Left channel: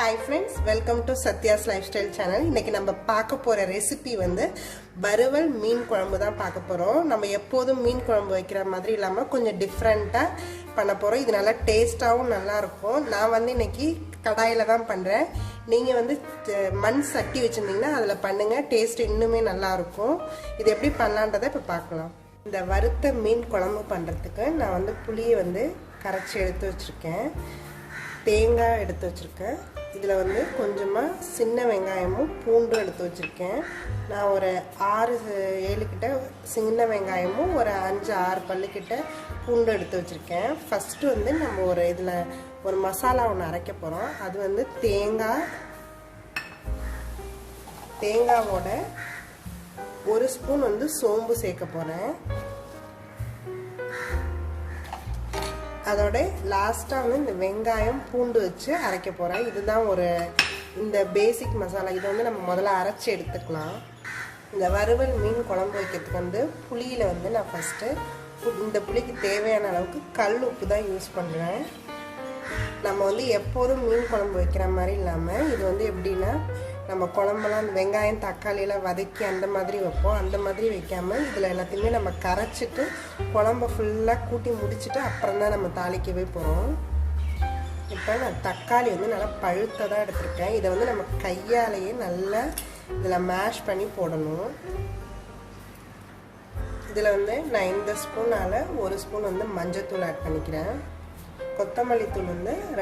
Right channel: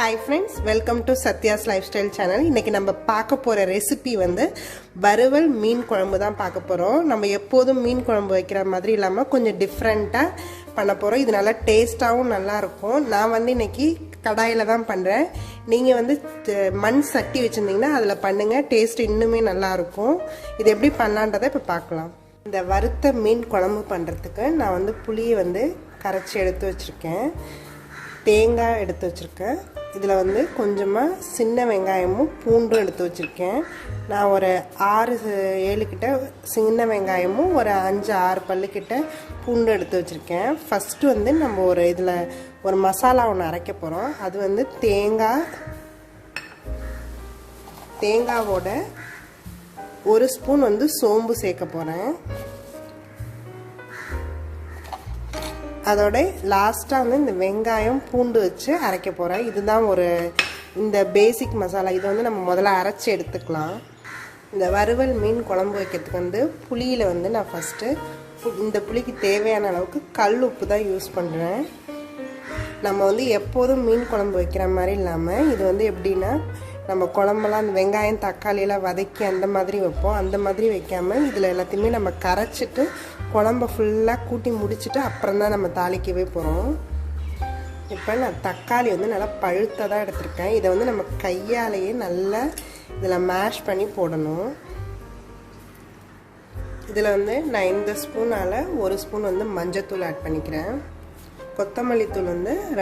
Hi friends, welcome to Satya's Lifestyle channel. இன்னைக்கு நம்ம பார்க்க போற ரெசிபி வறுவல் மீன் குழம்பு தான் பார்க்க போறோம். நம்ம எப்போதும் மீன் குழம்பு வைக்கிற மாதிரி இல்லாம கொஞ்சம் டிஃபரண்டா பண்ண போறோம். இது நல்லா டேஸ்டாவும் நல்லா இருக்கும். நான் இன்னைக்கு கடாயில தான் பண்றேன். நீங்க மண் சட்டி வச்சிருந்தீங்கன்னா அதுல பண்ணுங்க. டேஸ்ட் இன்னுமே நல்லா இருக்கும். இது எப்படி பண்ணலாம்ன்றதை இப்ப பார்க்கலாம். இந்த வறுத்த மீன் குழம்பு பண்றதுக்கு நான் புளியை கரைச்சி எடுத்து வச்சிருக்கேன். தேங்காய் எடுத்து வச்சிருக்கேன். இதில் கொஞ்சமாக சின்ன வெங்காயமும் பூண்டும் எடுத்து வச்சுருக்கேன். நான் ஒரு 6-7 கிட்ட சின்ன வெங்காயமும் ஒரு 5-6 பல்லுக்கிட்ட பூண்டு எடுத்து வச்சுருக்கேன். ஃபஸ்ட்டு நம்ம இதில் ஒரு மசாலா ஒன்று அரைக்க போகிறோம். அது தேங்காவோட 1 ஸ்பூன் சோம்பு சேர்க்க போகிறேன். அதோட லாஸ்ட்டாக இந்த வெங்காயம் பூண்டு வச்சு அரைக்க போகிறேன். இதுதான் இந்த பேசிக் மசாலா. இதை நம்ம முதல்ல அரைச்சி எடுத்துக்கலாம். இந்த வறுவல் மீன் குழம்பு வைக்கிறதுக்கு புளியில் நான் ஃபஸ்ட்டு இந்த புளிக்கு தேவையான அளவுக்கு கல் உப்பு தான் யூஸ் பண்ணுறேன். நம்ம எப்போதும் மீன் குழம்பு வைக்கிற மாதிரி இல்லாமல் இது எப்படின்னா நம்ம குழம்பெல்லாம் அந்த வெங்காயம் தக்காளியெல்லாம் வதக்கி அந்த மாதிரி வைப்போம். அந்த மாதிரி வைக்காமல் இதில் எல்லாத்தையுமே நம்ம கரைச்சிட்டு குழம்பை ஃபுல்லாக கூட்டி முடிச்சுட்டு அப்புறம் தான் நம்ம தாளிக்கவே போகிறோம். இப்போ நான் தக்காளி நல்லா பழுத்ததாக எடுத்திருக்கேன். இதை நம்ம கையாலேயே நல்லா இதில் மேஷ் பண்ணி போடணும். இதில் நான் இந்த ஸ்பூனால் 1 ஸ்பூன் மஞ்சத்தூள் ஆட் பண்ணிக்கிறேன். கொத்தமல்லி தூள்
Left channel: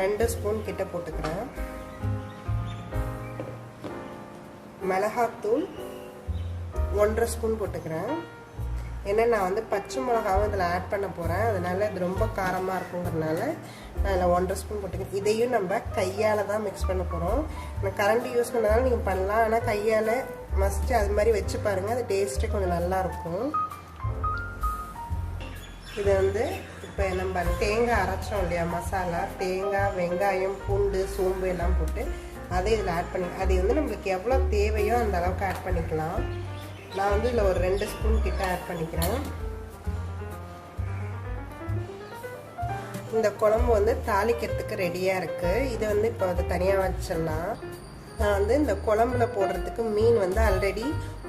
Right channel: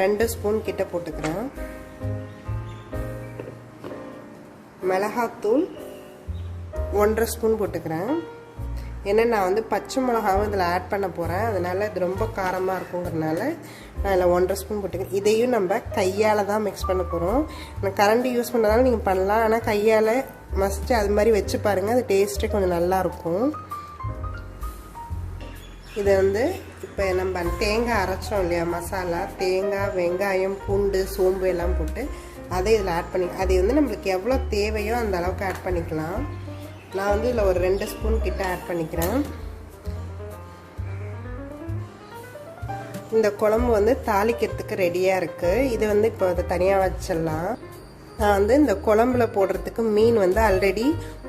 2 ஸ்பூன் கிட்ட போட்டுக்கிறேன். மிளகாத்தூள் 1.5 ஸ்பூன் போட்டுக்கிறேன். ஏன்னா நான் பச்சை மிளகாவும் இதில் ஆட் பண்ண போகிறேன். அதனால் இது ரொம்ப காரமாக இருக்குங்கிறதுனால நான் இதில் 1.5 ஸ்பூன் போட்டுக்கிறேன். இதையும் நம்ம கையால் தான் மிக்ஸ் பண்ண போகிறோம். நான் கரண்டி யூஸ் பண்ணுறதால நீங்கள் பண்ணலாம். ஆனால் கையால் மஸ்ட்டு அது மாதிரி வச்சு பாருங்கள். அது டேஸ்ட்டே கொஞ்சம் நல்லாயிருக்கும். இது இப்போ நம்ம தேங்காய் அரைச்சோம் இல்லையா மசாலா, தேங்காய் வெங்காயம் பூண்டு சோம்பு எல்லாம் போட்டு அதை இதில் ஆட் பண்ணி அது நம்மளுக்கு எவ்வளோ தேவையோ அந்த அளவுக்கு ஆட் பண்ணிக்கலாம். நான் இதில் ஒரு 2 ஸ்பூன் கிட்ட ஆட் பண்ணிக்கிறேன். இந்த குழம்பு தாளிக்கிறதுக்கு ரெடியாக இருக்குது. இது இப்போ அதை தனியாக வச்சிடலாம். நான் இந்த குழம்புல போடுறதுக்கு மீன் ஆல்ரெடி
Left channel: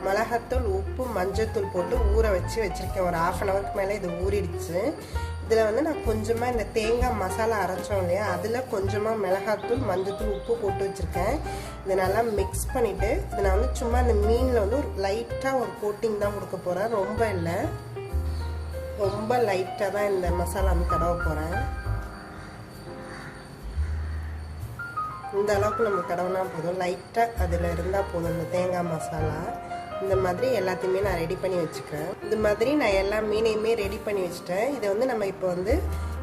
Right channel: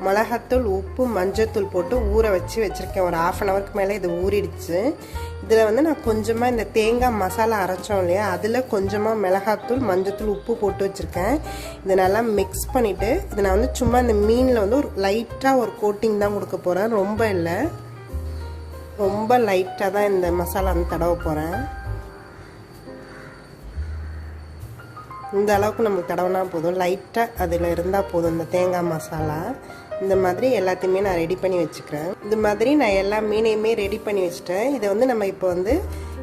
மிளகாத்தூள் உப்பு மஞ்சத்தூள் போட்டு ஊற வச்சுருக்கேன். ஒரு 1/2 ஹவருக்கு மேலே இது ஊறிடுச்சு. இதில் நான் கொஞ்சமாக இந்த தேங்காய் மசாலா அரைச்சோம் இல்லையா, அதில் கொஞ்சமாக மிளகாத்தூள் மஞ்சத்தூள் உப்பு போட்டு வச்சுருக்கேன். இதை நல்லா மிக்ஸ் பண்ணிவிட்டு இதை நான் சும்மா இந்த மீனில் ஒரு லைட்டாக ஒரு கோட்டிங் தான் கொடுக்க போகிறேன். ரொம்ப இல்லை, ரொம்ப லைட்டாக தான் இந்த மசாலா தடவ போகிறேன். இந்த அளவுக்கு நம்ம தடவினா போதும். லைட்டாக அதில் இருந்தால் போதும். இந்த தேங்காய் மசாலா இந்த மாதிரி எல்லாத்தையுமே நான் ரெடி பண்ணி வச்சுக்கிறேன். இது மாதிரி நான் எல்லா மீனையுமே ரெடி பண்ணி வச்சுட்டேன். இதை நம்ம இப்போ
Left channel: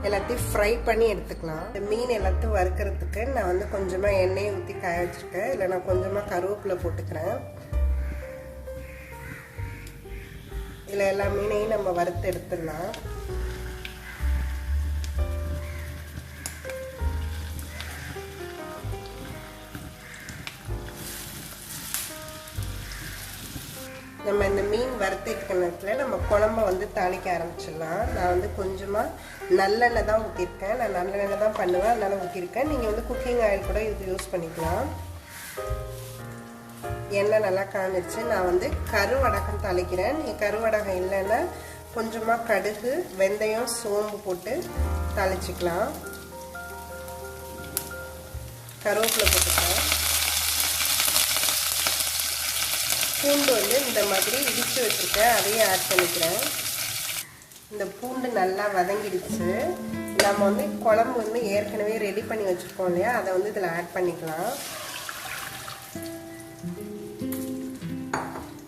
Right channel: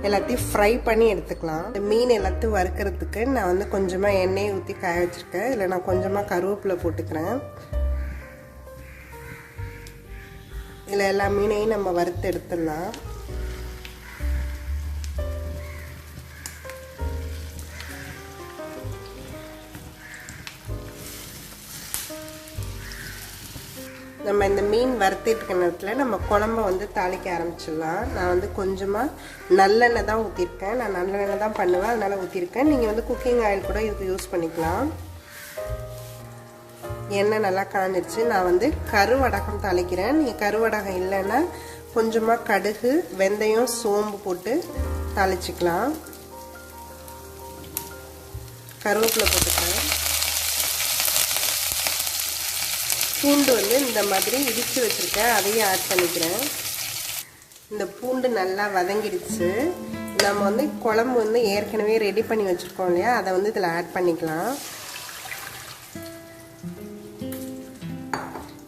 எல்லாத்தையும் ஃப்ரை பண்ணி எடுத்துக்கலாம். இந்த மீன் எல்லாத்தையும் வறுக்கிறதுக்கு நான் கொஞ்சமாக எண்ணெயை ஊற்றி காய வச்சுருக்கேன். இல்லை நான் கொஞ்சமாக கருவேப்பிலை போட்டுக்கிறேன். இதில் எல்லா மீனையும் நம்ம வறுத்து எடுத்துடலாம். நம்ம இந்த மீன் வறுத்திட்டு நேரத்தில் நம்ம குழம்பை தாளிக்க ஆரம்பிச்சிடலாம். நான் கொஞ்சமாக நல்லெண்ணெய் தான் ஊற்றிருக்கேன். நான் நல்லெண்ணெய் தான் பண்ணுவேன், அதனால் ஊற்றிருக்கேன். நீங்கள் குக்கிங் ஆயில் கூட இது யூஸ் பண்ணிக்கலாம். எண்ணெய் நல்லா காஞ்சிச்சு. நான் கருவடகம் தாளிக்கிறேன். நீங்கள் கருவடகம் இல்லைன்னா கொஞ்சமாக கடுகு வெந்தயம் சோம்பு போட்டு தாளிச்சிக்கலாம். கருவேப்பிலை போட்டுக்கலாம். பூண்டு இந்த மாதிரி இடித்து வச்சுருக்கேன், அதையும் ஆட் பண்ணிக்கிறேன். இந்த பூண்டு நல்லா வதங்கிடுச்சு. நம்ம குழம்பு ஏற்கனவே ரெடி பண்ணி வச்சுருக்கோம் இல்லையா, அதை இதில் ஆட் பண்ணிக்கலாம்.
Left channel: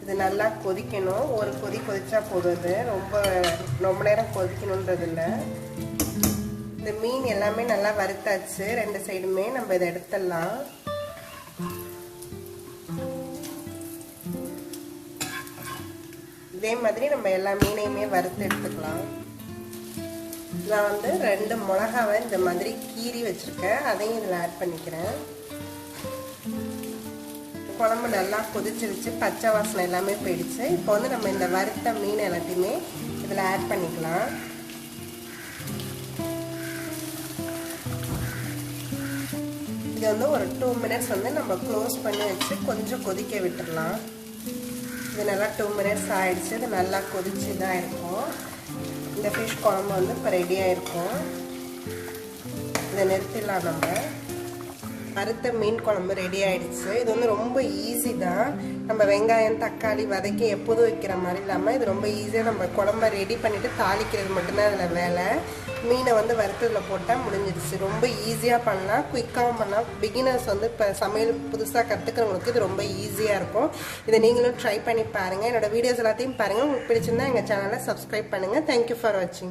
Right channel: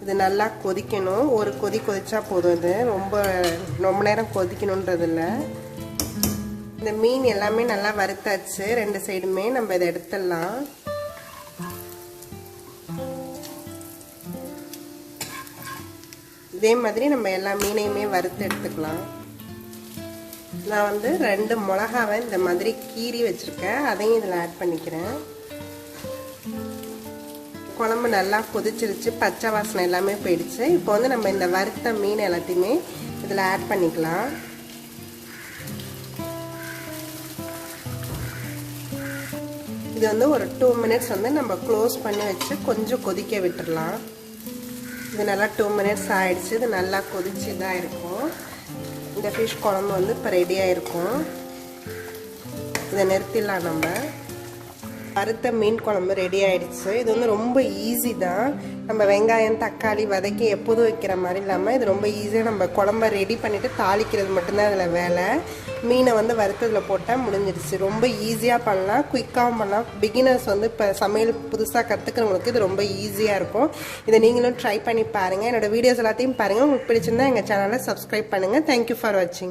இது நல்லா கொதிக்கணும். ஒரு கொதிச்சா போதும். இது ரொம்ப நேரம் கொதிக்கணுன்றது இல்லை. இந்த மீன் எல்லாமே நல்லா வறுத்தாச்சு. 2 சைடுமே நம்ம இதை எடுத்துடலாம். இதே மாதிரி நம்ம எல்லா மீனையுமே வறுத்து எடுத்துக்கலாம். நான் 2 மிளகாவை இந்த மாதிரி கீறி வச்சுருக்கேன். அதையும் இதில் ஆட் பண்ணிக்கிறேன். குழம்பு நல்லா கொதிச்சிருச்சு. பச்சை வாசனை எல்லாமே போயிடுச்சு. இப்போ நம்ம இந்த வறுத்த மீன் எல்லாத்தையுமே இதில் ஆட் பண்ணிக்கலாம். இது வந்து ஒரு 2 மினிட்ஸ் வந்து நம்ம க்ளோஸ் பண்ணி வச்சு கொஞ்சம் கொதிக்க விட்டுடலாம். இது நல்லா 2 மினிட்ஸ் ஆயிடுச்சு. இது நல்லா கொதிச்சு தான் இருக்கும். இந்த ஃபிஷ் குழம்பு வந்து இப்போ ரெடியாக இருக்கும். இதை நிறுத்திடலாம். நம்ம வறுத்த மீன் குழம்பு ரெடி ஆயிடுச்சு. இது வந்து ரொம்ப ஈஸி தான். நம்ம வெங்காயம் தக்காளி வதக்கி எப்போதும் வைக்கிற மாதிரி இல்லாமல் இது ரொம்ப ஈஸியாக நம்ம குழம்ப ரெடி பண்ணிவிட்டு தாளிக்கிறது மட்டும்தான் இதில் வேலை. மீனை வந்து வறுத்ததில் போட்டால் முடிஞ்சிடுச்சு. ரொம்ப ஈஸியாக பண்ணலாம், குயிக்காகவும் பண்ணலாம். பிகினர்ஸ் வந்து இப்போ சமையல் புதுசாக கற்றுக்கிறவங்களுக்கு இது ரொம்ப ஈஸியாக இருக்கும். இதை நீங்களும் ட்ரை பண்ணி பாருங்கள். என்னோடய வீடியோஸ் எல்லாத்தையும் பாருங்கள். உங்களுக்கு பிடிச்சிருந்தா எங்கள் சேனலை சப்ஸ்கிரைப் பண்ணுங்கள். தேங்க்யூ ஃபார் வாட்சிங்.